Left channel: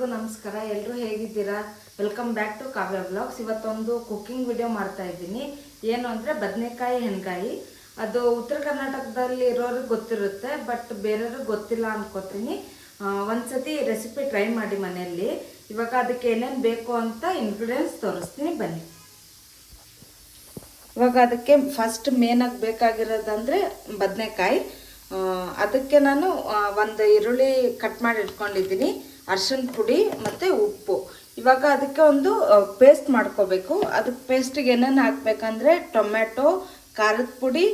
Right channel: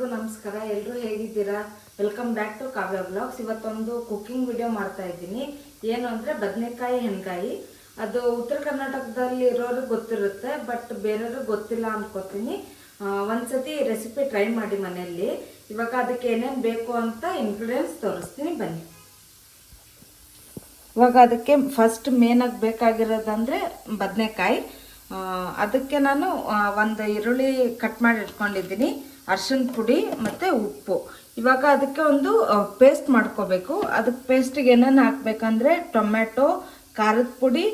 ಎಲ್ರಿಗೂ ನಮಸ್ಕಾರ. ಎಲ್ಲರೂ ಹೇಗಿದ್ದೀರಾ? Welcome back to Kavya vlogs. ಇವತ್ತೊಂದು ಕುಕ್ಕಿಂಗ್ ವಿಡಿಯೋ ಮಾಡ್ತಾ ಇದ್ದೀನಿ. ಏನು ಅಂದರೆ ಬದನೆಕಾಯಿ ಹೆಣ್ಗಾಯಿ. ಅದು ಉತ್ತರ ಕರ್ನಾಟಕದಲ್ಲಿ ಇರೋರಿಗೆ ಗೊತ್ತಿರುತ್ತೆ, ಬಟ್ ಬೇರೆಯವ್ರಿಗೆ ಗೊತ್ತಿಲ್ಲ ಅನ್ಕೋತೀನಿ. ಒಂದ್ಸತಿ ರೆಸಿಪಿ ಟ್ರೈ ಮಾಡಿ ಮನೆಯಲ್ಲಿ. ಇವಾಗ ಅದಕ್ಕೆ ಏನೇನು ಬೇಕು ಅಂತ ಇಂಗ್ರೀಡಿಯೆಂಟ್ಸ್ ತೋರಿಸ್ತೀನಿ, ಬನ್ನಿ. ಇವಾಗ ಅದಕ್ಕೆ ಫಸ್ಟ್ ಮೇನಾಗಿ ಬೇಕಾಗಿರೋದಂದರೆ ಬದನೆಕಾಯಿ. ಅದಕ್ಕೆ ನಾನು ಒಂದು ಈರುಳ್ಳಿ ಕಟ್ ಮಾಡಿ ಇಟ್ಕೊಂಡಿದ್ದೀನಿ, ಅರಿಶಿನ ಪುಡಿ ಮತ್ತು ಉಪ್ಪು. ಇವಾಗ ಅದಕ್ಕೆ ಒಂದು ಪೇಸ್ಟ್ ಮಾಡ್ಕೋಬೇಕು. ಅದಕ್ಕೆ ಪೇಸ್ಟಿಗೆ ಏನೇನು ಹಾಕಬೇಕಂದ್ರೆ ಟೊಮೆಟೊ, ಖಾರದ ಪುಡಿ,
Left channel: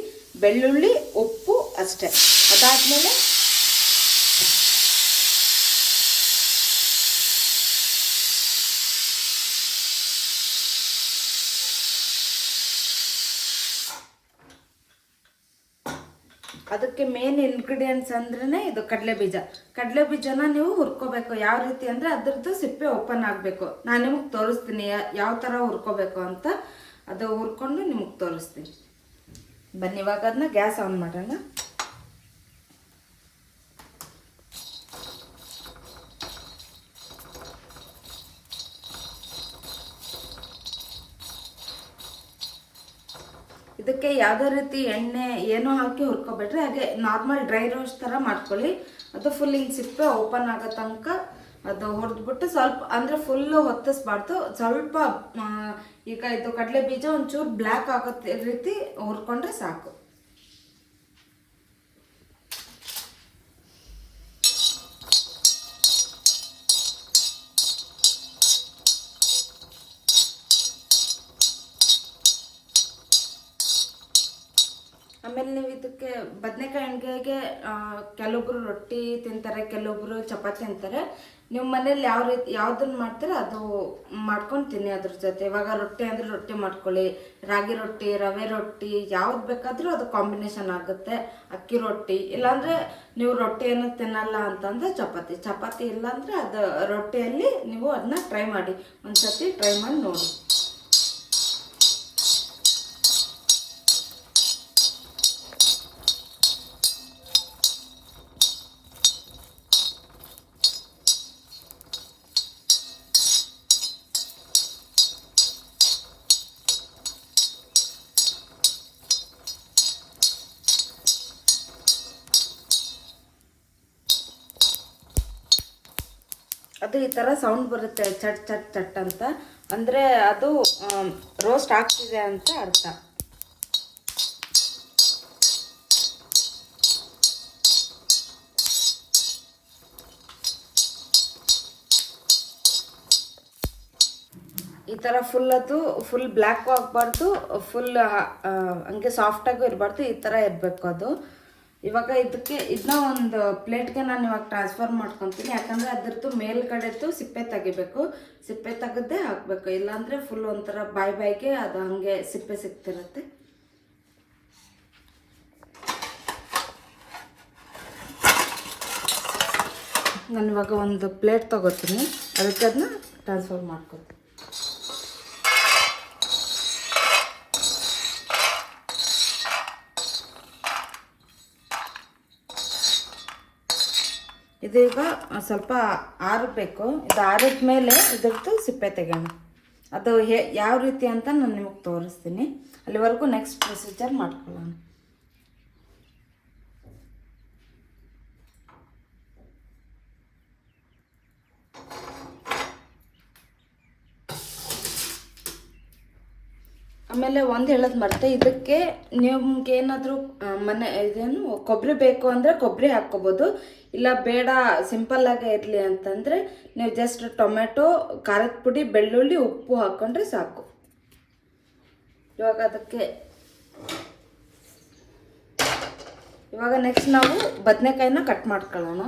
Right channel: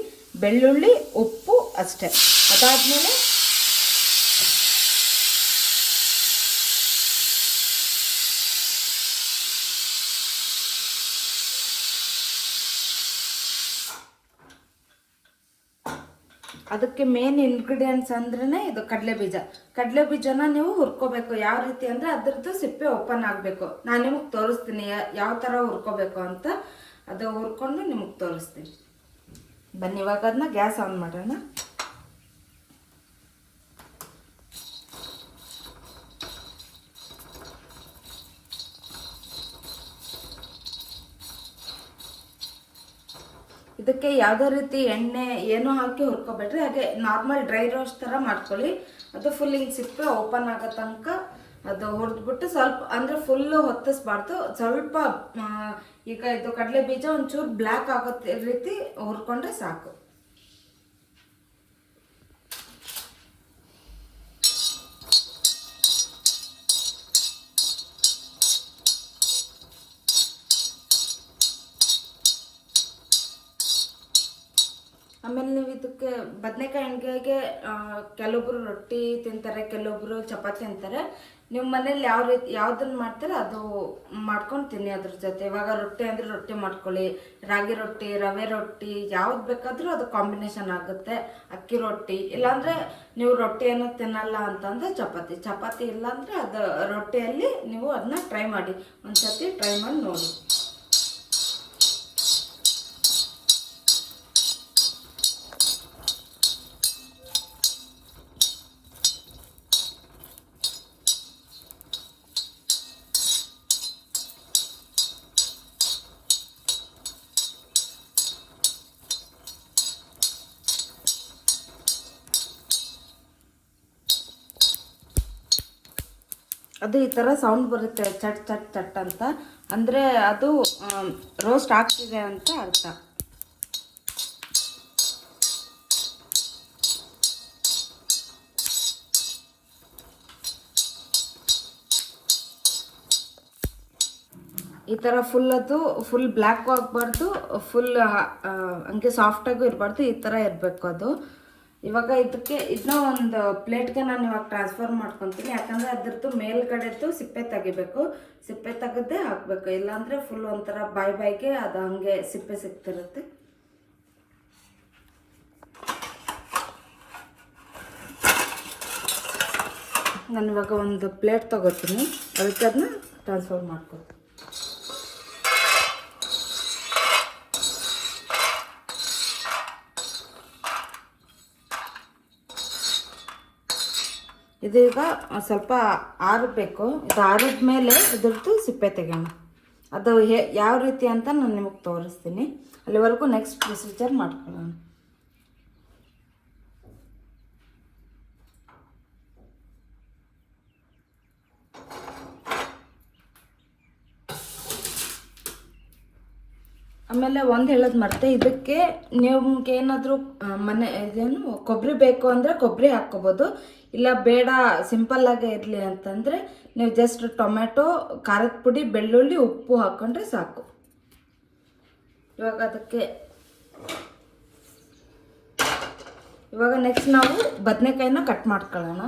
ಬೆಳ್ಳುಳ್ಳಿ, ಉಪ್ಪು ಅಷ್ಟೇ. ಅದಾದಮೇಲೆ ಅದಕ್ಕೆ ಮೇನ್ ಇಂಗ್ರೀಡಿಯೆಂಟ್ಸ್ ಅಂದ್ರೆ ಇದು ಕಡಲೆ ಬೀಜನ ನೀವು ಹುರ್ಕೋಬೇಕು. ಯಾವ ರೀತಿ ಅಂದರೆ ಅದ್ರದ್ದು ಸಿಪ್ಪೆ ಓಪನ್ ಆಗಬೇಕು. ನಾನು ನಿಮಗೆ ತೋರಿಸ್ತೀನಿ ಯಾವ ಥರ ಹುರ್ಕೋಬೇಕು ಅಂತ. ಅದು ಹುರ್ಕೊಂಡು ನಿಮಗೆ ತೋರಿಸ್ತೀನಿ, ಬನ್ನಿ. ಇವಾಗ ಅದನ್ನ ಗ್ಯಾಸ್ ಆನ್ ಮಾಡೋಣ. ಇದಕ್ಕೆ ಯಾವುದೇ ರೀತಿ ಎಣ್ಣೆ ಏನೂ ಹಾಕಿ ಹುರ್ಕೋಬೇಡ್ರಿ. ಹಾಗೆ ನಾರ್ಮಲ್ ಡ್ರೈ ರೋಸ್ಟ್ ಥರ ಮಾಡ್ಕೊಳ್ಳಿ. ಅದು ಫುಲ್ ಹಿಂಗೆ ಸಿಪ್ಪೆ ಓಪನ್ ಆಗೋ ತನಕ ಅದು ಹುರಿದ್ಬಿಟ್ಟು ಸ್ವಲ್ಪ ಅಂದರೆ ಫುಲ್ಲು ಹೊತ್ತಿಸ್ಬಾರ್ದು. ಸ್ವಲ್ಪ ಈಗ ಇದು ಕಡಲೆ ಬೀಜ ಒಂಚೂರು ಬ್ಲ್ಯಾಕ್ ಆಗೋ ರೀತಿ ಹುರ್ಕೊಂಡ್ರೆ ಸಾಕು. ಆಮೇಲೆ ನೀವು ಇದಕ್ಕೆ ಬದನೆಕಾಯಿ ಎಣ್ಗಾಯಿಗೆ ಕೆಲವೊಬ್ರು ರೊಟ್ಟಿ ತಿಂತಾರೆ, ಕೆಲವೊಬ್ರು ಚಪಾತಿ ಅಂತಾರೆ. ನೀವು ಮನೇಲಿ ಯಾವ ರೀತಿ ಯಾವುದನ್ನ ಮಾಡ್ತಾರೆ ಅದು ಮಾಡ್ಕೊಂಡು ತಿನ್ನಿ ಅದ್ರ ಜೊತೆ. ಇವಾಗ ರೊಟ್ಟಿ ಅಂದರೆ ರೊಟ್ಟಿ ಮಾಡ್ಕೊಳ್ಳಿ, ರಾಗಿ ರೊಟ್ಟಿ, ರವೆ ರೊಟ್ಟಿ, ಯಾವ್ದು ಬೇಕಾದರೂ ಅದು ಕಾಂಬಿನೇಷನ್ ಆಗುತ್ತೆ. ಅಕ್ಕಿ ರೊಟ್ಟಿ, ಇಲ್ಲಾಂದರೆ ನೀವು ರೊಟ್ಟಿಯನ್ನು ತಿನ್ನಲ್ಲ ಅಂತಂದರೆ ಚಪಾತಿ ಇಲ್ಲಾಂದರೆ ಅದು ರೊಟ್ಟಿಯಲ್ಲಿ ನೀವು ಅದನ್ನ ಟ್ರೈ ಮಾಡಿ, ಒಂದ್ಸತಿ ಟ್ರೈ ಮಾಡಿ ನೋಡಿ. ಅದು ಈ ಥರ ಸೌಂಡ್ ಬರುತ್ತೆ, ಚಟ್ ಚಟ್ ಚಟ್ ಅಂತ. ಅಂದರೆ ಅದು ರೋಸ್ಟ್ ಆಗ್ತಿದೆ ಅಂತ ಅರ್ಥ. ಈ ಥರ ಫುಲ್ ಬ್ಲ್ಯಾಕ್ ಆಗಬಾರ್ದು, ಫುಲ್ ಹಂಗೆ ಸಾಫ್ಟಾಗೂ ಇರಬಾರ್ದು, ಈ ಥರ ಇರಬೇಕು ಅದು. ಇವಾಗ ಇದನ್ನ ಒಂದು ಪ್ಲೇಟ್ಗೆ ನಾನು ಇವಾಗ ಟ್ರಾನ್ಸ್ಫರ್ ಮಾಡ್ಕೊತೀನಿ. ಯಾಕಂದರೆ ಅದ್ರದ್ದು ಮೇಲ್ಗಡೆದ್ದು ಸಿಪ್ಪೆ ತೆಗಿಬೇಕು. ಸಿಪ್ಪೆ ತೆಗೆದೇ ಹಾಕಬೇಕು, ಇಲ್ಲಾಂದರೆ ಫುಲ್ ಒಂಥರ ಬಾಯಿಗೆ ಅದು ಹಂಗೆ ಸಿಪ್ಪೆ ಸಿಗ್ತಿರುತ್ತೆ. ನಾನು ಇವಾಗ ಒಂದು ಪ್ಲೇಟ್ ತಗೋತೀನಿ, ಅದಕ್ಕೆ ಅದನ್ನ ಟ್ರಾನ್ಸ್ಫರ್ ಮಾಡ್ಕೊತೀನಿ. ಇದೀಗ ಸ್ವಲ್ಪ ಆರಬೇಕು. ಇದು ಆರಿದ ಮೇಲೆ ಇದ್ರದ್ದು ಸಿಪ್ಪೆ ತೆಗೋಣ. ಅದು ಯಾವ ರೀತಿ ಅಂತ ನಾನು ನಿಮಗೆ ತೋರಿಸ್ತೀನಿ. ಅಲ್ಲಿವರೆಗೂ ನೆಕ್ಸ್ಟ್ ಪ್ರೊಸೀಜರ್ ಮಾಡ್ಕೊಳ್ಳೋಣ. ಆಮೇಲೆ ಒಂದು ಹೇಳೋದು ಮರ್ತೆ, ಇದಕ್ಕೆ ನಿಮ್ಗೆ ಏನಾದರೂ ಇದೇನು ಕೊಬ್ಬರಿ ಬೇಕು ಅಂದರೆ ಕೊಬ್ಬರಿ ಹಾಕ್ಕೋಬೋದು. ಇಲ್ಲ ಬೇಡ ಸಿಂಪಲ್ಲಾಗೇ ಇರಲಿ ಅಂತಂದರೆ ನೀವು ಜಸ್ಟ್ ಟೊಮೆಟೊ, ಖಾರದ ಪುಡಿ, ಬೆಳ್ಳುಳ್ಳಿ, ಉಪ್ಪು ಹಾಕ್ಕೊಂಡ್ರೆ ಸಾಕು. ಇವಾಗ ನೆಕ್ಸ್ಟ್ ನಾವು ಬದನೆಕಾಯಿನ ಕಟ್ ಮಾಡ್ಕೊಳ್ಳೋಣ.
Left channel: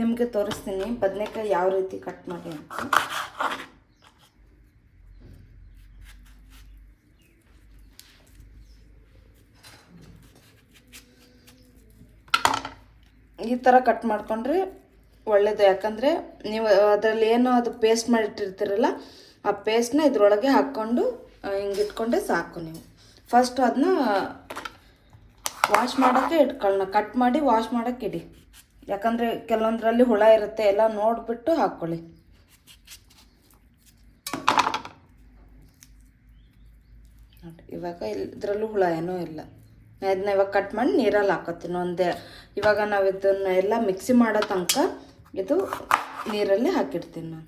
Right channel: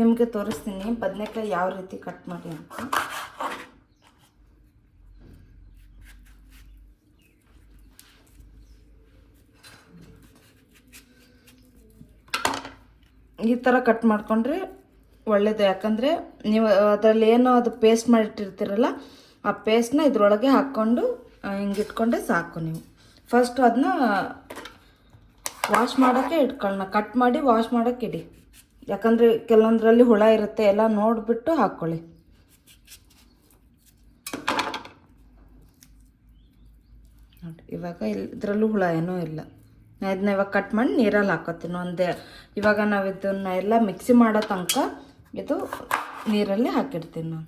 ನಿಮಗೆ ತೋರಿಸ್ತೀನಿ ಬದನೆಕಾಯಿ ಯಾವ ರೀತಿ ಕಟ್ ಮಾಡಿ ಅಂತ. ಈ ಥರ ಕಟ್ ಮಾಡಿಕೊಂಡ್ರೆ ಒಳ್ಳೆಯದು. ಯಾಕಂದರೆ ನೀವು ಅದರಲ್ಲಿ ಏನು ಅದು ಪೇಸ್ಟ್ ಮಾಡಿಟ್ಟಿರ್ತೀರಲ್ಲ, ಆ ಪೇಸ್ಟ್ನ ಇದ್ರೊಳಗೆ ಹಾಕ್ಕೊಂಡು ಹಿಂಗೆ ಇಟ್ಕೊಂಡ್ರೆ ಸಾಕು. ನೀವು ಫಸ್ಟು ಅದನ್ನ ವಾಶ್ ಮಾಡೋಕ್ಕೆ ಇಟ್ಕೊಳ್ಳೋಣ, ಕಟ್ ಮಾಡಿ ವಾಶ್ ಮಾಡೋಕ್ಕೆ ಇಡಿ. ಯಾಕಂದರೆ ಕೆಲವೊಂದರಲ್ಲಿ ಹುಳ ಇರುತ್ತೆ, ಎಲ್ಲ ನೋಡಿಬಿಟ್ಟು ಹಾಕ್ಕೊಳ್ಳಿ. ನೋಡಿ ಇವಾಗ ಇದರಲ್ಲೂ ಹುಳ ಏನೂ ಇಲ್ಲ. ನಾನು ಇದನ್ನ ಇವಾಗ ಕಟ್ ಮಾಡಿ ನೀರಲ್ಲಿ ಹಾಕೋತೀನಿ. ಇವಾಗ ನಾವು ಇದನ್ನ ಎಲ್ಲ ಮಿಕ್ಸಿ ಮಾಡೋ ತನಕ ಇದು ನೀರಲ್ಲಿ ಹಾಕಿಡ್ತೀನಿ ನಾನು.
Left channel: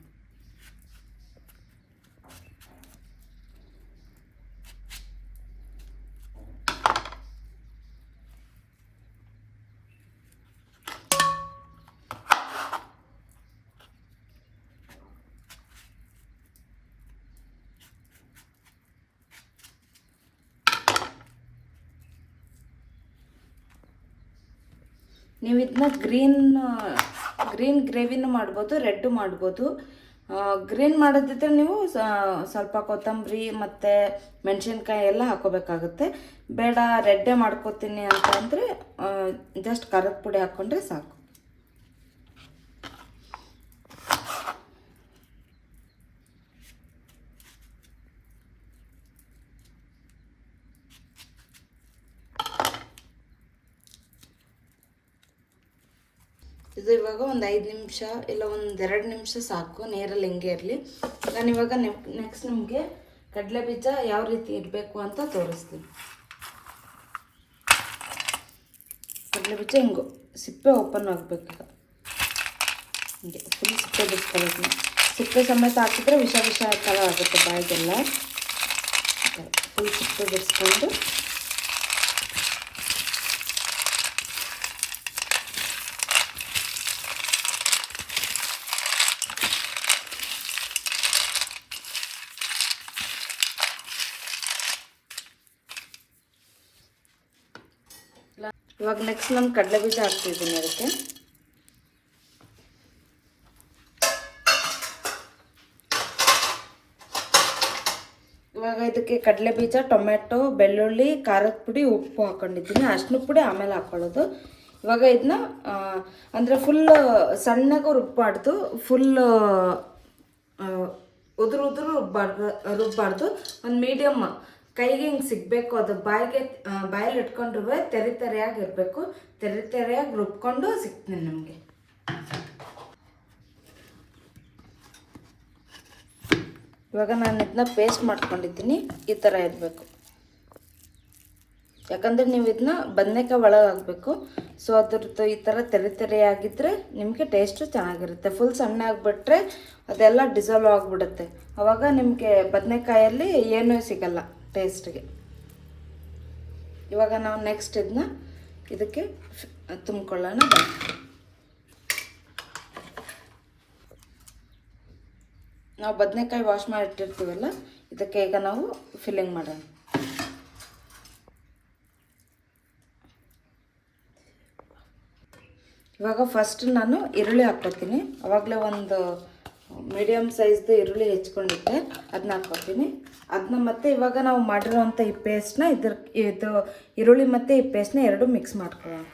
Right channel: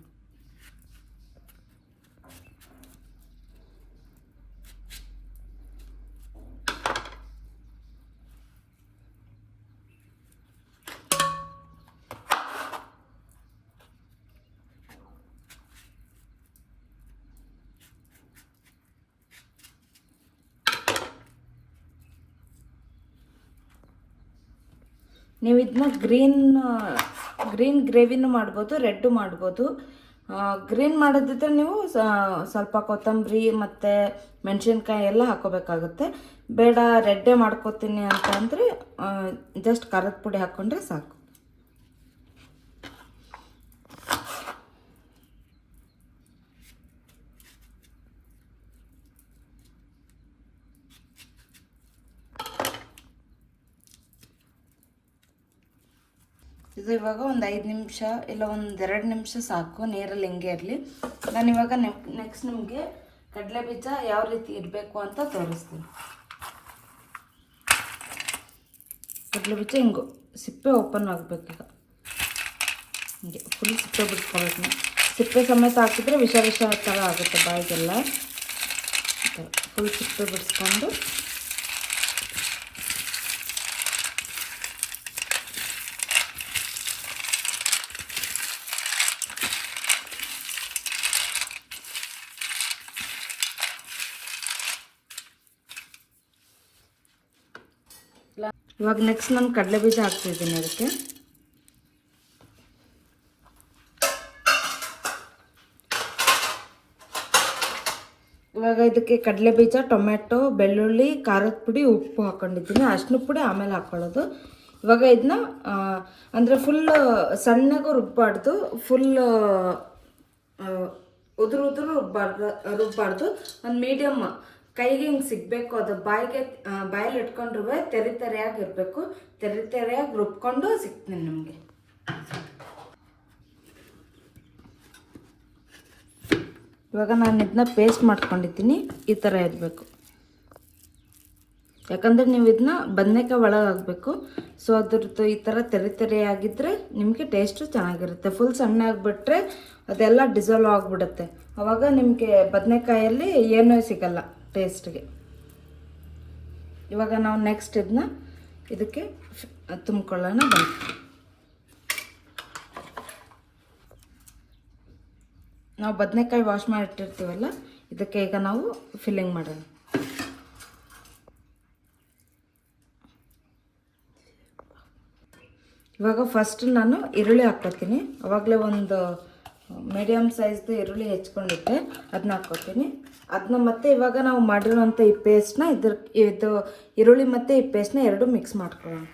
ನೀವು ಇದನ್ನ ಗ್ರೀನ್ ಗ್ರೇವಿನೂ ಮಾಡ್ಬೋದು, ರೆಡ್ಡು ಮಾಡ್ಬೋದು. ಗ್ರೀನ್ ಮಾಡೋದಿದ್ರೆ ನೀವು ಸ್ವಲ್ಪ ಕೊತ್ತಂಬರಿ ಮತ್ತು ಮೆಣಸಿನ್ಕಾಯಿ ಎಲ್ಲ ಹಾಕೋಬೇಕಾಗುತ್ತೆ. ಬೇಡ ರೆಡ್ಡೇ ಮಾಡ್ಕೋತೀನಿ ಅಂತಂದರೆ ಜಸ್ಟ್ ಖಾರದ ಪುಡಿ ಹಾಕ್ಕೊಂಡ್ರೆ ಸಾಕು. ಇದು ಇವಾಗ ಒಂದು 5 ನಿಮಿಷ ಇಲ್ಲ ಒಂದು 2 ನಿಮಿಷ ಸಾಕು, ನೀರಲ್ಲಿ ಹೆಂಗೆ ಇರಲಿ. ನಾನು ಇವಾಗ ನೆಕ್ಸ್ಟ್ ನಿಮಗೆ ಕಡಲೆ ಬೀಜ ಯಾವ ರೀತಿ ಇಡಬೇಕು ಅಂತ ತೋರಿಸ್ತೀನಿ. ಕಡಲೆ ಬೀಜ ಹಿಂಗೆ ಸಿಪ್ಪೆ ಓಪನ್ ಆಗಬೇಕೀಗ, ಹಿಂಗೆ ಫುಲ್ ಸಿಪ್ಪೆ ಬಿಡ್ಸ್ಕೊಬೇಕು. ಸಿಪ್ಪೆ ಸಮೇತ ಹಾಕಿದ್ರೆ ವಿಷ ಥರ ಆಗುತ್ತೆ ಬಾಯಿಗೆಲ್ಲ. ಫುಲ್ ಸಿಪ್ಪೆ ಬಿಡಿಸ್ಕೊಂಡು ಇವಾಗ ನೆಕ್ಸ್ಟ್ ನಾನು ಕಡಲೆ ಬೀಜ ಹಾಕ್ತಿದ್ದೀನಿ ಅದಕ್ಕೆ. ಇವಾಗ ಇದಕ್ಕೆ ಕಡಲೆ ಬೀಜ, ಟೊಮೆಟೊ, ಬೆಳ್ಳುಳ್ಳಿ, ಖಾರದ ಪುಡಿ, ಉಪ್ಪು ಹಾಕ್ಕೊಂಡಿದ್ದೀನಿ. ಅರಿಶಿನ ಪುಡಿ ಆಮೇಲೆ ಹಾಕ್ಕೊಳ್ಳೋದು. ಇವಾಗ ಇದನ್ನ ಅಂದರೆ ಫುಲ್ ಸಣ್ಣಗೆ ರುಬ್ಬಾರ್ದು, ಫುಲ್ ಉದುರು ರುಬ್ಬಾರ್ದು. ಒಂದು ಮೀಡಿಯಮ್ ಕೈಗೆ ಹಿಂಗೆ ಸಿಗಬೇಕು. ಅದು ಬಾಯಲ್ಲಿ ಇಟ್ಕೊಂಡ್ರೂ ತೆರೆಯಾಗಿ ಇರಬೇಕು. ತೆರೆಯಾಗಿ ರುಬ್ಕೊಂಡು ಸಿಗ್ತೀನಿ ನಿಮಗೆ. ಇವಾಗ ನಾನು ಇದನ್ನ ಪೇಸ್ಟ್ ಮಾಡ್ಕೊಂಡಿದ್ದೀನಿ, ಈ ಥರ ಇರಬೇಕು. ಯಾಕಂದರೆ ನೀವು ಇದನ್ನ ಬದನೆಕಾಯಿ ಒಳಗೆ ಹಾಕಬೇಕು. ಸೊ ಅದ್ರದ್ದು ಈ ಥರ ತೆರೆಯಾಗಿದ್ದರೆ ನಿಮಗೆ ಟೇಸ್ಟು ಚೆನ್ನಾಗಿರುತ್ತೆ. ಫುಲ್ ಸಣ್ಣ ಆಗಿಬಿಟ್ರೆ ಅದೆಲ್ಲ ಡಿಸಾಲ್ವ್ ಆಗಿಬಿಡುತ್ತೆ. ಆವಾಗ ನಿಮಗೆ ಬದನೆಕಾಯಲ್ಲಿ ಏನೂ ಸಿಗಲ್ಲ ಟೇಸ್ಟ್ಗೆ. ಇವಾಗ ನಾವು ನೆಕ್ಸ್ಟ್ ಇದನ್ನ ಇದಕ್ಕೆ ತುಂಬಿಕೊಳ್ಳೋಣ. ನಾವು ಬದನೆಕಾಯಿ ವಾಶ್ ಮಾಡಿಟ್ಟಿರ್ತೀವಲ್ಲ, ಇದಕ್ಕೆ ಈಗ ನಾವು ಫಿಲ್ಲಿಂಗ್ ಮಾಡೋಣ. ಇವಾಗ ಫಸ್ಟ್ ನಾನು ಈರುಳ್ಳಿ ಹಾಕ್ಕೊತೀನಿ. ಆವಾಗಲೇ ಒಂದು ಮೀಡಿಯಮ್ ಸೈಜ್ದು ಈರುಳ್ಳಿ ಹೆಚ್ಕೊಂಡಿದ್ದೆ, ಅದನ್ನ ಹಾಕ್ಕೊತೀನಿ. ಅದನ್ನ ಮತ್ತೆ ಇವಾಗ ನಾವು ಮಾಡಿರೋವಂಥ ಈ ಪೇಸ್ಟ್ನ ಇದು ಈರುಳ್ಳಿ ಮತ್ತು ಈ ಪೇಸ್ಟ್ನ ಎರಡು ಮಿಕ್ಸ್ ಮಾಡ್ಕೊಳ್ಳೋಣ.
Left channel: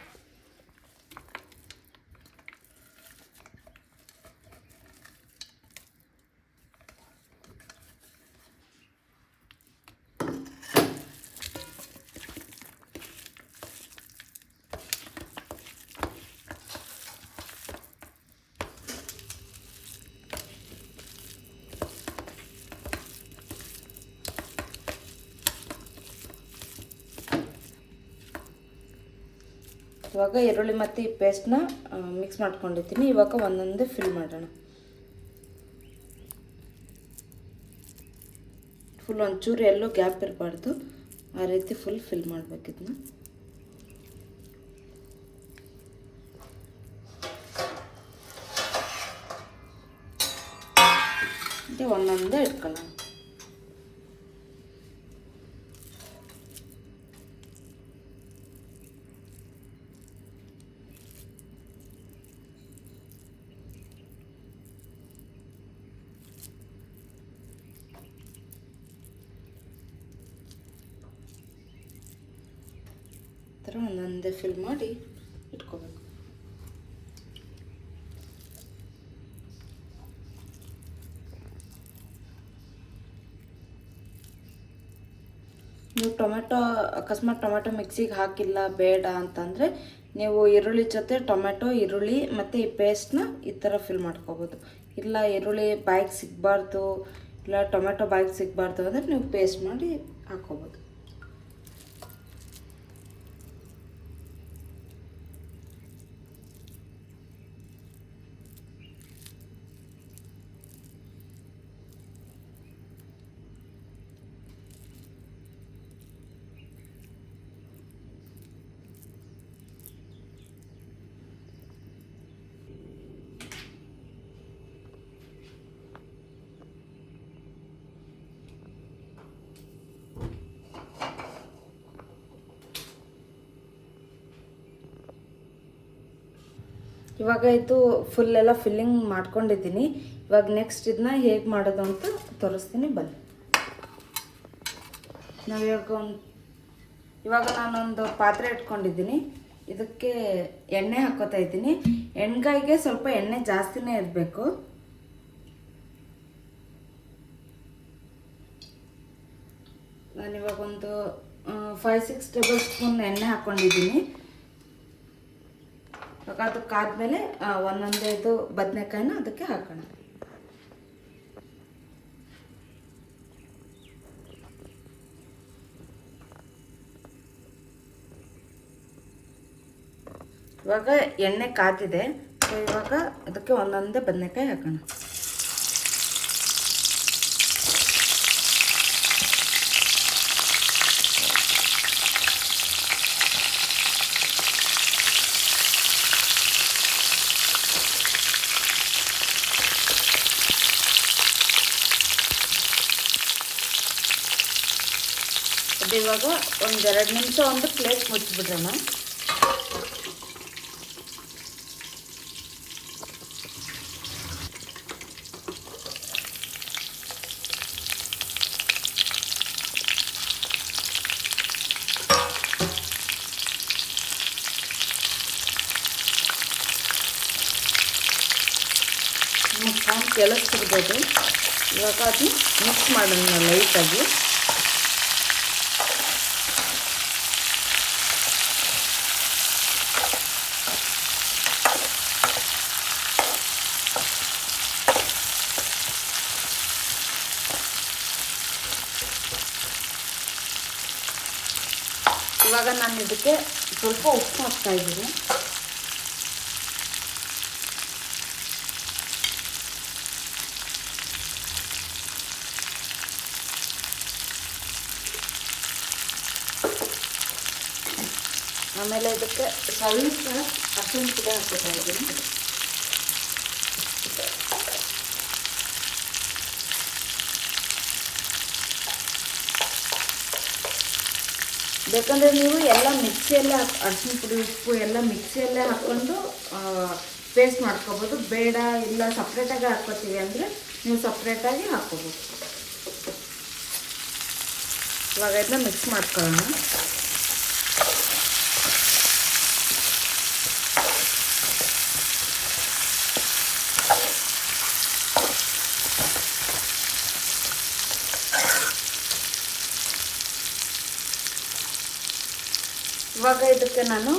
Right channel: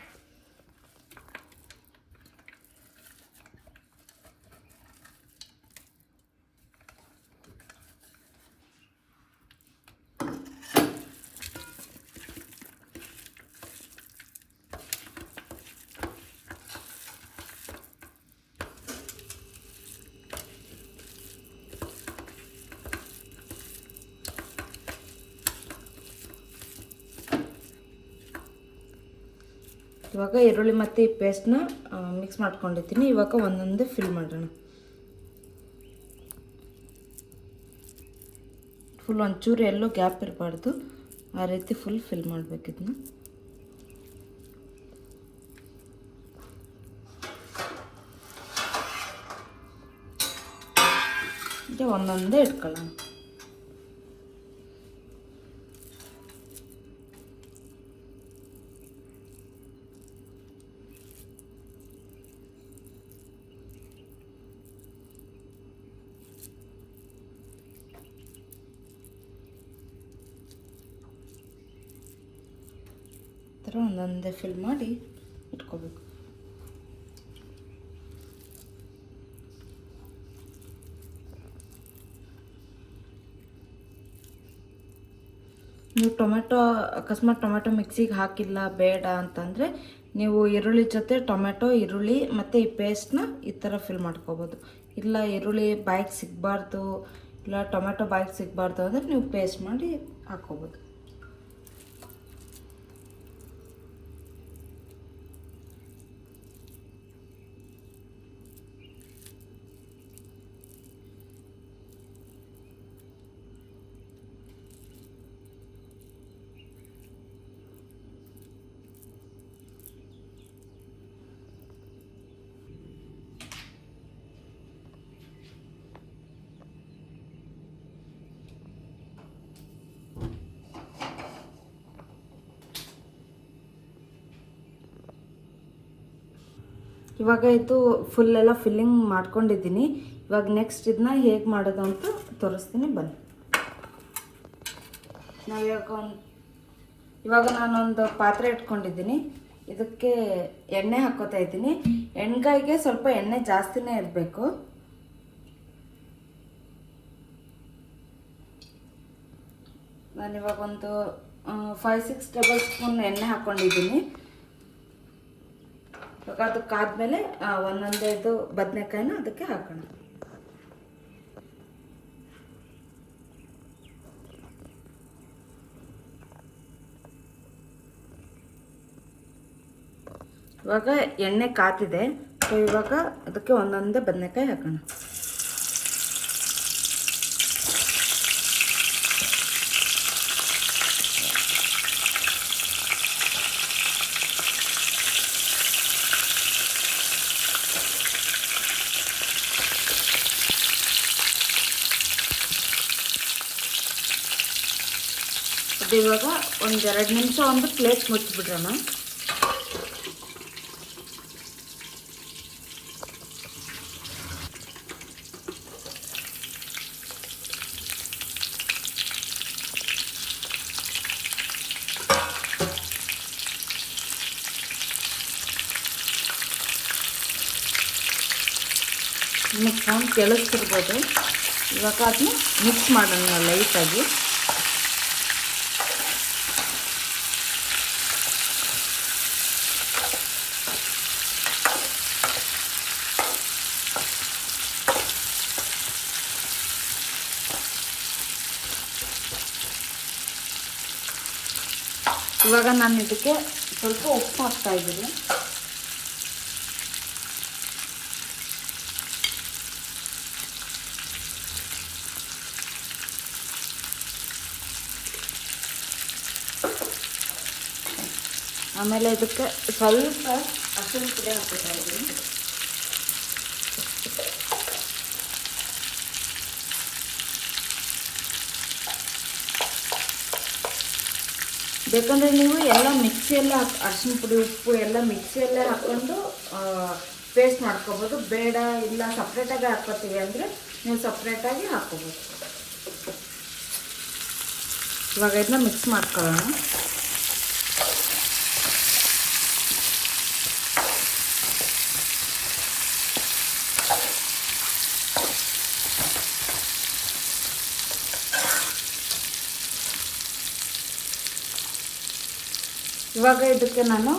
ಇವಾಗ ಈರುಳ್ಳಿ ಮತ್ತು ಈ ಪೇಸ್ಟ್ನ ಮಿಕ್ಸ್ ಮಾಡ್ಕೊಂಡಿದ್ದೀನಿ. ಇವಾಗ ಒಂದೊಂದೇ ಫಿಲ್ ಮಾಡೋಣ. ಫುಲ್ ಒಂಚೂರು ಎಲ್ಲೂ ಗ್ಯಾಪ್ ಇರಬಾರ್ದು, ಆ ರೀತಿ ಫುಲ್ ಫಿಲ್ ಮಾಡಬೇಕಿದ್ನ. ಒಂದೊಂದೇ ಇಟ್ಕೊಳ್ಳೋಣ. ಒಂದೊಂದೇ ಫಿಲ್ ಮಾಡಿ ಇಟ್ಕೋಬೇಕು. ನೀವು ಟೊಮೆಟೊ ಅಕಸ್ಮಾತ್ ಟೊಮೆಟೊ ಮಿಕ್ಸಿಗೆ ಹಾಕಿಲ್ಲ ಬೇಡ ಅಂತಂದರೆ ನೀವು ಈರುಳ್ಳಿ ಜೊತೆ ಟೊಮೆಟೊ ಈರುಳ್ಳಿ ಮತ್ತು ಈ ಪೇಸ್ಟ್ನ ಈ ಥರ ಫಿಲ್ ಮಾಡ್ಕೋಬೋದು. ಇಲ್ಲ ಈರುಳ್ಳಿ ಬಾಯಿಗೆ ಸಿಗಬಾರ್ದು, ಇಲ್ಲ ಟೊಮೆಟೊ ಬಾಯಿಗೆ ಸಿಗಬಾರ್ದು ಅಂದರೆ ನೀವು ಪೇಸ್ಟ್ ಮಾಡಿ ಹಾಕ್ಕೋಬೋದು. ಇವಾಗ ಇದು ಫುಲ್ಲೆಲ್ಲ ಫಿಲ್ಲಿಂಗ್ ಮಾಡ್ಕೊಂಡಿದ್ದೀನಿ. ಇವಾಗ ನೆಕ್ಸ್ಟ್ ಇದನ್ನ ಹೇಗೆ ಮಾಡೋದು ಅಂತ ತೋರಿಸ್ತೀನಿ ಬನ್ನಿ. ಇವಾಗ ನಾನೊಂದು ಪಾತ್ರೆ ಇಟ್ಕೊಂಡಿದ್ದೀನಿ. ಇದಕ್ಕೆ ಎಣ್ಣೆ ಹಾಕ್ಕೋತಾ ಇದ್ದೀನಿ. ಎಣ್ಗಾಯಿಗೆ ಸ್ವಲ್ಪ ಎಣ್ಣೆ ಜಾಸ್ತಿನೇ ಇರಬೇಕು. ನಾನಿವಾಗ ಒಂದು 5-6 ಟೇಬಲ್ ಸ್ಪೂನ್ ಎಣ್ಣೆ ಹಾಕ್ಕೊಂಡಿದ್ದೀನಿ. ಇವಾಗ ಅದಕ್ಕಾದ್ಮೇಲೆ ಒಂದೊಂದೇ ಇದು ಬದನೆಕಾಯಿನ ಅದಕ್ಕೆ ಹಾಕೋಣ. ಇವಾಗ ಎಣ್ಣೆ ಕಾದಿದೆ. ಸೊ ಇವಾಗ ಅದಕ್ಕೆ ಒಂದೊಂದೇ ಬದನೆಕಾಯಿ ಹಾಕೋಣ. ಇವಾಗ ಒಂದು 2 ನಿಮಿಷ ಒಂದು ಪ್ಲೇಟ್ ಮುಚ್ಚಿಬಿಡೋಣ. ಸೌಂಡ್ ಕೇಳಿಸ್ತಿರ್ಬೋದು. ಇವಾಗ ಅದನ್ನ ಮಿಕ್ಸ್ ಮಾಡೋಣ ಲೈಟಾಗಿ. ಇವಾಗ ನಾನು ಇದಕ್ಕೆ ಸ್ವಲ್ಪ ಉಪ್ಪು ಹಾಕ್ತಾ ಇದ್ದೀನಿ. ಆಮೇಲೆ ಇದಕ್ಕೆ ಸ್ವಲ್ಪ ಅರಿಶಿನ ಪುಡಿ ಹಾಕ್ತಾ ಇದ್ದೀನಿ. ಬೇಕಂದರೆ ನೀವು ಎಲ್ಲ ಮಿಕ್ಸಿಯಲ್ಲೇ ಅರಿಶಿನ ಪುಡಿ ಉಪ್ಪು ಎಲ್ಲ ಮಿಕ್ಸಿಯಲ್ಲೇ ಹಾಕ್ಕೊಂಡು ಪೇಸ್ಟ್ ಮಾಡ್ಕೋಬೋದು. ಬೇಡ ಇಲ್ಲ ಸಪ್ರೇಟಾಗಿ ಹಾಕ್ಕೋತೀವಿ ಅಂದರೆ ನೀವು ಸಪ್ರೇಟಾಗಿ ಹಾಕ್ಕೋಬೋದು. ಇವಾಗ ಇದನ್ನ ಮಿಕ್ಸ್ ಮಾಡ್ಕೊಳ್ಳೋಣ. ಇವಾಗ ಇದಕ್ಕೆ ನಾನು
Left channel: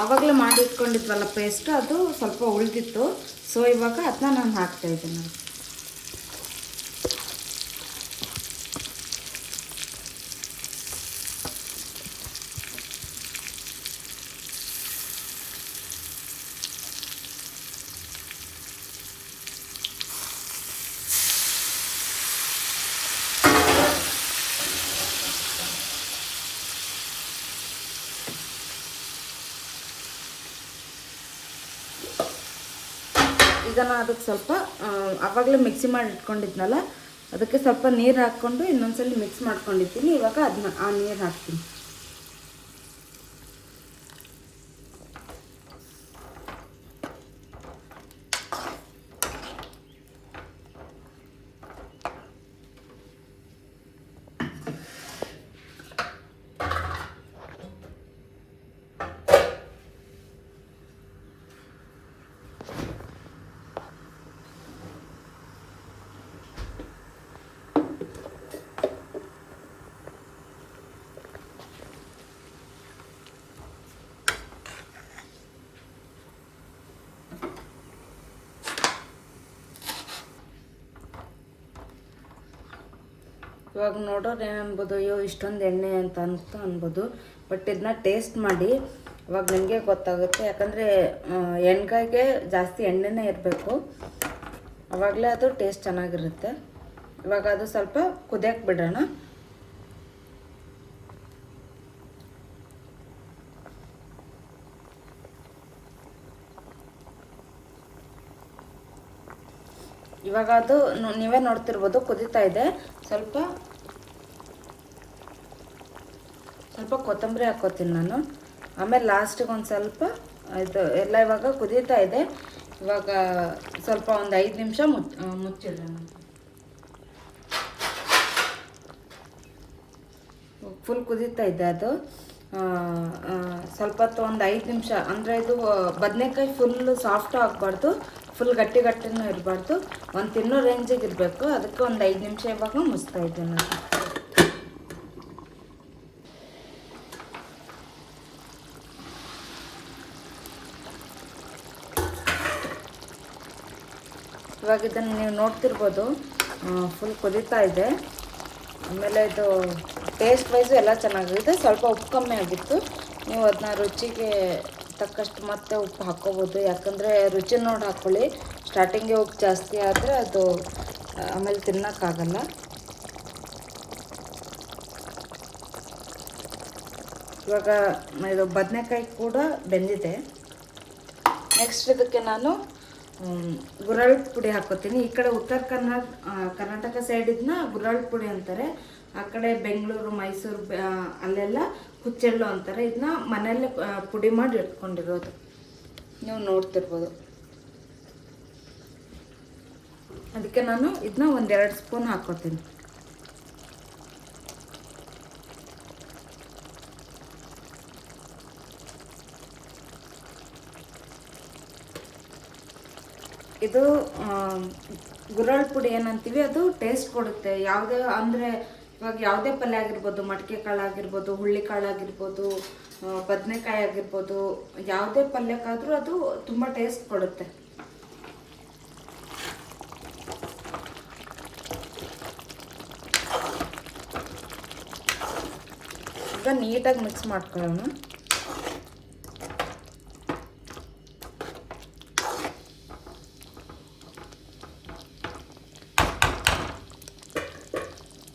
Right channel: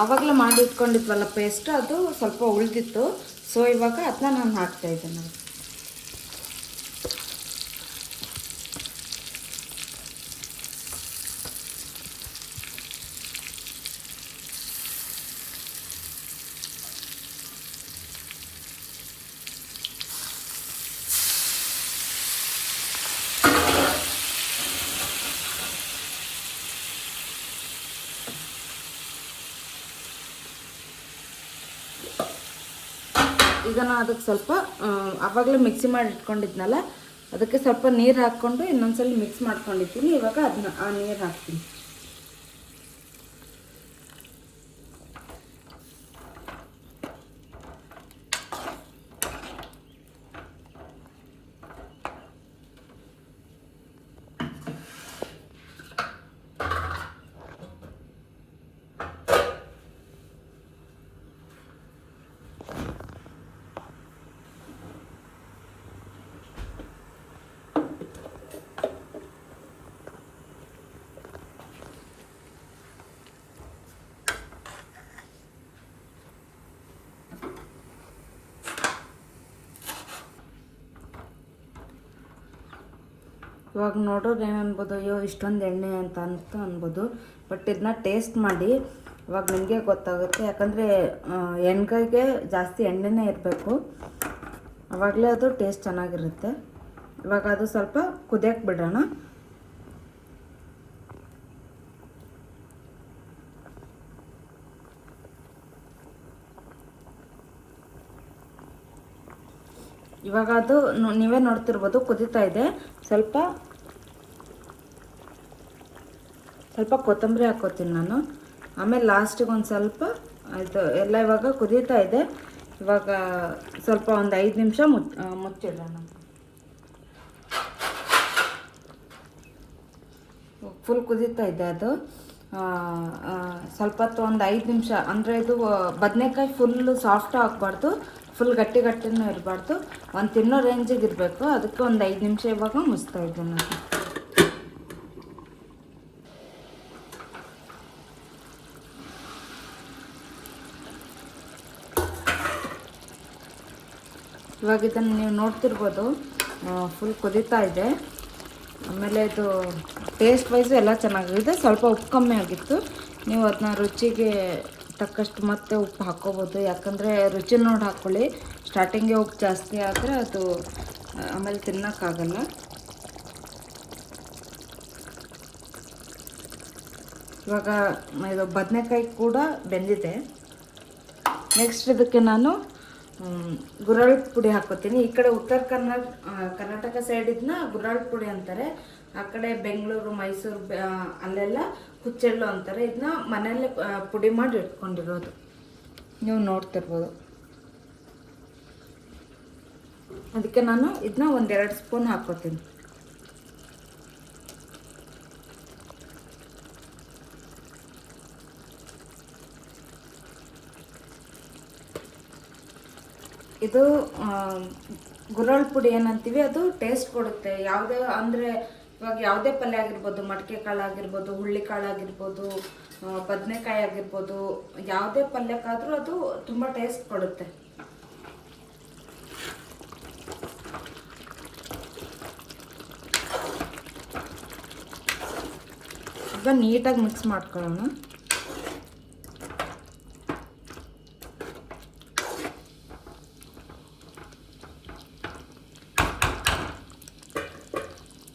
ಆವಾಗಲೇ ಮಾಡಿ ಇಟ್ಕೊಂಡಿದ್ವಲ್ಲ ಪೇಸ್ಟ್, ಅದು ಸ್ವಲ್ಪ ಉಳಿದಿತ್ತು. ಸೊ ಇವಾಗ ಅದನ್ನ ನಾನು ಹಾಕ್ತಾಯಿದ್ದೀನಿ. ಈಗ ನಾನು ಅದಕ್ಕೆ ಸ್ವಲ್ಪ ಆವಾಗಲೇ ಮಿಕ್ಸಿ ಮಾಡಿ ಇಟ್ಕೊಂಡಿದ್ನಲ್ಲ, ಅದಕ್ಕೆ ಸ್ವಲ್ಪ ನೀರು ಹಾಕ್ಕೊಂಡು ಇನ್ನೊಂದ್ಸಲ ಮಿಕ್ಸ್ ಮಾಡ್ಕೊಂಡಿದ್ದೀನಿ. ಇವಾಗ ಅದನ್ನ ಆ ನೀರು ಹಾಕ್ತೀನಿ. ಇವಾಗ ನೋಡೋರು ಏನನ್ಬೋದು, ಅಯ್ಯೋ ಇಷ್ಟೊಂದು ಎಣ್ಣೆ ಅಂತ ಅನ್ಬೋದು. ಬಟ್ ಇದನ್ನ ಟೇಸ್ಟ್ ಮಾಡಿ ಇವಾಗ ನಿಮಗೆ ಗೊತ್ತಾಗುತ್ತೆ. ಯಾಕಂದರೆ ಎಣ್ಗಾಯಿಗೆ ಜಾಸ್ತಿ ಎಣ್ಣೆನೇ ಇರಬೇಕು, ಆವಾಗಲೇ ಅದು ಟೇಸ್ಟ್ ಚೆನ್ನಾಗಿರುತ್ತೆ. ಇವಾಗ ಅದು ಸ್ವಲ್ಪ ಕುದಿಯಕ್ಕೆ ಬಿಡೋಣ. ಇವಾಗ ಅದು ನೀವೇ ನೋಡ್ತಿರ್ಬೋದು ಕುದೀತಾ ಇದೆ. ಸ್ವಲ್ಪ ಕೊತ್ತಂಬರಿ ಹಾಕ್ಕೋತೀನಿ ನಾನು. ಆಮೇಲೆ ಲಾಸ್ಟಿಗೆ ಒಂದು ಸ್ವಲ್ಪ ಇದು ಎಲ್ಲ ಇವಾಗ ಕುದೀತಾ ಇದೆ. ಇವಾಗ ಸ್ವಲ್ಪ ಒಂದು 5 ನಿಮಿಷ ಮುಚ್ಚಿಡೋಣ. ಫುಲ್ ಕುದೀತಾ ಇದೆ ಅದು. ಸ್ವಲ್ಪ ಹೊತ್ತು ಒಂದು 5 ನಿಮಿಷ, ಅಂದರೆ ಇದು ಬದನೆಕಾಯಿ ಫುಲ್ ಸಾಫ್ಟು ಹಾಕ್ಬಾರ್ದು, ಫುಲ್ ಗಟ್ಟಿನೂ ಇರಬಾರ್ದು, ಒಂದು ತಿನ್ನೋ ರೇಂಜಿಗೆ ಇರಬೇಕು. ಅದಕ್ಕೆ ಒಂದು 5 ನಿಮಿಷ ಇವಾಗ ಮುಚ್ತಾ ಇದ್ದೀನಿ ನಾನು. ಇವಾಗ ಇದನ್ನು ನೀವು ನೋಡ್ತಿರ್ಬೋದು, ಫುಲ್ ಕುದೀತಾ ಇದೆ. ಆಮೇಲೆ ಇದು ಟೇಸ್ಟ್ ವೈಸು ಎಲ್ಲ ಚೆನ್ನಾಗಿದೆ. ಸ್ವಲ್ಪ ಉಪ್ಪು ಕಮ್ಮಿ ಆಗಿತ್ತು, ನೀವು ಅದನ್ನ ರುಚಿಗೆ ತಕ್ಕಷ್ಟು ಮತ್ತೆ ಉಪ್ಪು ಹಾಕ್ಕೋಬೋದು. ಯಾಕಂದರೆ ರುಚಿ ನೋಡಿ ಹಾಕ್ಕೊಳ್ಳಿ. ಸ್ಟಾರ್ಟಿಂಗೇ ಉಪ್ಪು ಜಾಸ್ತಿ ಆದರೆ ಅದು ಆಮೇಲೆ ತಿನ್ನೋಕ್ಕಾಗಲ್ಲ. ಇವಾಗ ಇದು ಬದನೆಕಾಯಿ ಕೂಡ ಬೆಂದಿದೆ. ನೆಕ್ಸ್ಟ್ ಇದಕ್ಕೆ ನಾನು ಗುರಾಳ್ ಪುಡಿ ಹಾಕ್ಕೋತೀನಿ. ಈ ಕಡೆ ಉತ್ತರ ಕರ್ನಾಟಕ ಸೈಡ್ ಇದನ್ನ ಗುರಾಳ್ ಪುಡಿ ಅಂತಾರೆ. ಆ ಕಡೆ ಬೆಂಗಳೂರು, ಮೈಸೂರು ಅಲ್ಲೆಲ್ಲ ಹುಚ್ಚೆಳ್ಳು ಅಂತಾರೆ. ಇದನ್ನ ಮನೆಯಲ್ಲೇ ಪುಡಿ ಮಾಡಿ ಇಟ್ಕೊಂಡಿರೋದು ನೀವು ನೋಡ್ತಿರ್ಬೋದು. ಅದಕ್ಕೆ ನಾನು ಇದನ್ನ 1-2 ಸ್ಪೂನ್ ಹಾಕ್ಕೋತೀನಿ. ಇದು ಗುರಾಳ್ ಪುಡಿ ಏನಂತೀವಿ, ಅದು ಟೇಸ್ಟ್ ಕೊಡುತ್ತೆ. ಯಾವುದೇ ಅಂದರೆ ಇವಾಗ ಯಾವುದೇ ಪಲ್ಯ ಆಗಿರ್ಬೋದು, ಮಡಿಕೆ ಕಾಳು ಆಗಿರ್ಬೋದು, ಹುಳ್ಳಿ ಕಾಳು ಆಗಿರ್ಬೋದು, ಬದನೆಕಾಯಿ ಆಗಿರ್ಬೋದು, ಯಾವುದೇ ಪಲ್ಯಕ್ಕಾದರೂ ಅದು ತುಂಬ ಟೇಸ್ಟ್ ಕೊಡುತ್ತೆ. ಈಗ ನೀಟಾಗಿ ಮಿಕ್ಸ್ ಮಾಡ್ಕೊಳ್ಳೋಣ.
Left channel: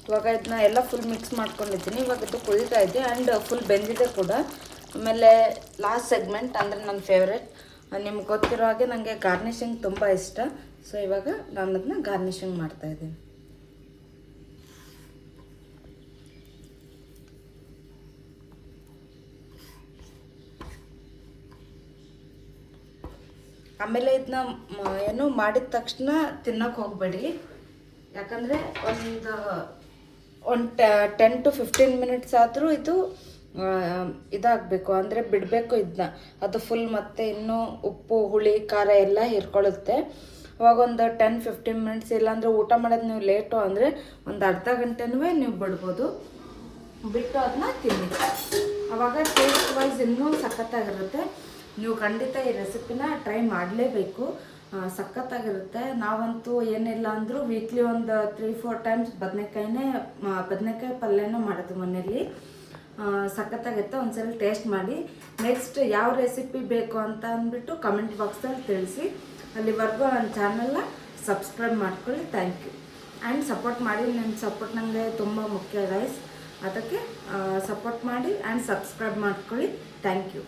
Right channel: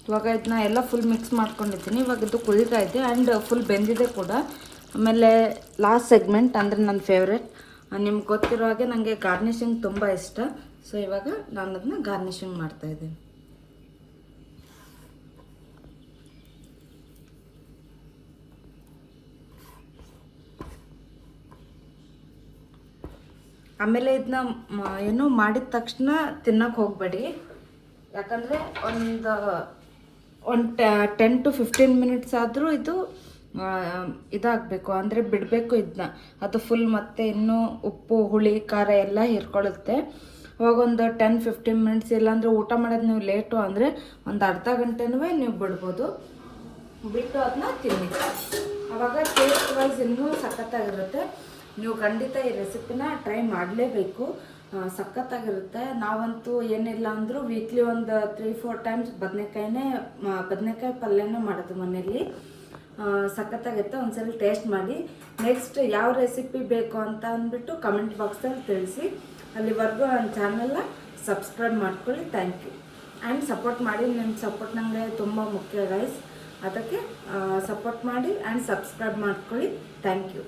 ಇವಾಗ ಇದನ್ನ ಎಲ್ಲ ಫುಲ್ ಮಿಕ್ಸ್ ಮಾಡ್ಕೊಂಡಿದ್ದೀನಿ. ಇವಾಗ ಇದು ಕುದೀತಾ ಇದೆ ಆ್ಯಂಡ್ ಫುಲ್ ಬೆಂದಿದೆ ಕೂಡ. ಆಮೇಲೆ ಲಾಸ್ಟ್ ಸೆಗ್ಮೆಂಟ್ ಅಂದರೆ ನನ್ನ ಫೇವ್ರೆಟ್. ನಿಮ್ಗೆ ಗೊತ್ತಿರೋ ಹಾಗೆ ನನಗೆ ಗಾರ್ನಿಷಿಂಗ್ ತುಂಬ ಇಷ್ಟ. ಸೊ ಇವಾಗ ನಾನು ಅದನ್ನ ಗಾರ್ನಿಷಿಂಗ್ ಮಾಡ್ತಾಯಿದ್ದೀನಿ. ಆಮೇಲೆ ಇದನ್ನ ಏನು ಮಾಡಿದ ತಕ್ಷಣ ತಿನ್ನೋಕೆ ಹೋಗಬೇಡಿ. ಯಾಕಂದರೆ ಒಂದು 10 to 15 ಮಿನಿಟ್ಸ್ ಆದರೂ ಇದು ಇದಾಗಬೇಕು, ಅಂದರೆ ಬಿಡಬೇಕು ಇದನ್ನ. ಅದು ಫುಲ್ ಮತ್ತೆ ಇನ್ನೂ ಉಪ್ಪು, ಹುಳಿ, ಖಾರ ಎಲ್ಲ ಹೀರ್ಕೊಳ್ಳುತ್ತೆ. ಅವಾಗ ಒಂದು 10-15 ಮಿನಿಟ್ಸ್, ಇಲ್ಲಾಂದರೆ ಊಟ ಮಾಡೋದು ನೀವು ಲೇಟು ಅಂದರೆ ಒಂದು ಅರ್ಧ ಗಂಟೆನೂ ನೀವು ಬಿಡ್ಬೋದು. ಬಿಟ್ಟು ಅದನ್ನ ತಿನ್ನಿ. ಆವಾಗ ಟೇಸ್ಟ್ ವೈಸ್ ಇನ್ನೂ ಸಖತ್ತಾಗಿರುತ್ತೆ. ನೀವು ಖಂಡಿತ ಈ ರೆಸಿಪಿನ ಟ್ರೈ ಮಾಡಲೇಬೇಕು, ಸಖತ್ತಾಗಿರುತ್ತೆ. ನಾವಂತೂ ಏನಿಲ್ಲ ಅಂದರೂ ವೀಕ್ಲಿ ಒಂದು 3-4 ಟೈಮ್ಸ್ ಬದನೆಕಾಯಿ ಪಲ್ಯನ ಮಾಡೋದು ಮನೆಯಲ್ಲಿ. ಸಖತ್ತಾಗಿರುತ್ತೆ. ಒಂದ್ಸಲ ಟೇಸ್ಟ್ ಮಾಡಿ. ನೆಕ್ಸ್ಟ್ ಯಾವ ರೆಸಿಪಿ ಬೇಕು ಅಂತ ಅಂದ್ಬಿಟ್ಟು ಕಮೆಂಟ್ ಬಾಕ್ಸಲ್ಲಿ ತಿಳಿಸಿ. ಅಲ್ಲಿವರೆಗೂ ನನ್ನ ಚಾನಲ್ನ ಸಬ್ಸ್ಕ್ರೈಬ್ ಮಾಡ್ಕೊಳ್ಳಿ. Thank you. ಆ್ಯಂಡ್ ಸಪೋರ್ಟ್ ಮಾಡಿ. ನನ್ನ ಸಪೋರ್ಟ್ ನನಗೆ ತುಂಬ ಮುಖ್ಯ ಗೈಸ್. ಅದಕ್ಕೆ ಸಪೋರ್ಟ್ ಮಾಡಿ ಆ್ಯಂಡ್ ಸಬ್ಸ್ಕ್ರೈಬ್ ಮಾಡ್ಕೊಳ್ಳಿ. Thank you.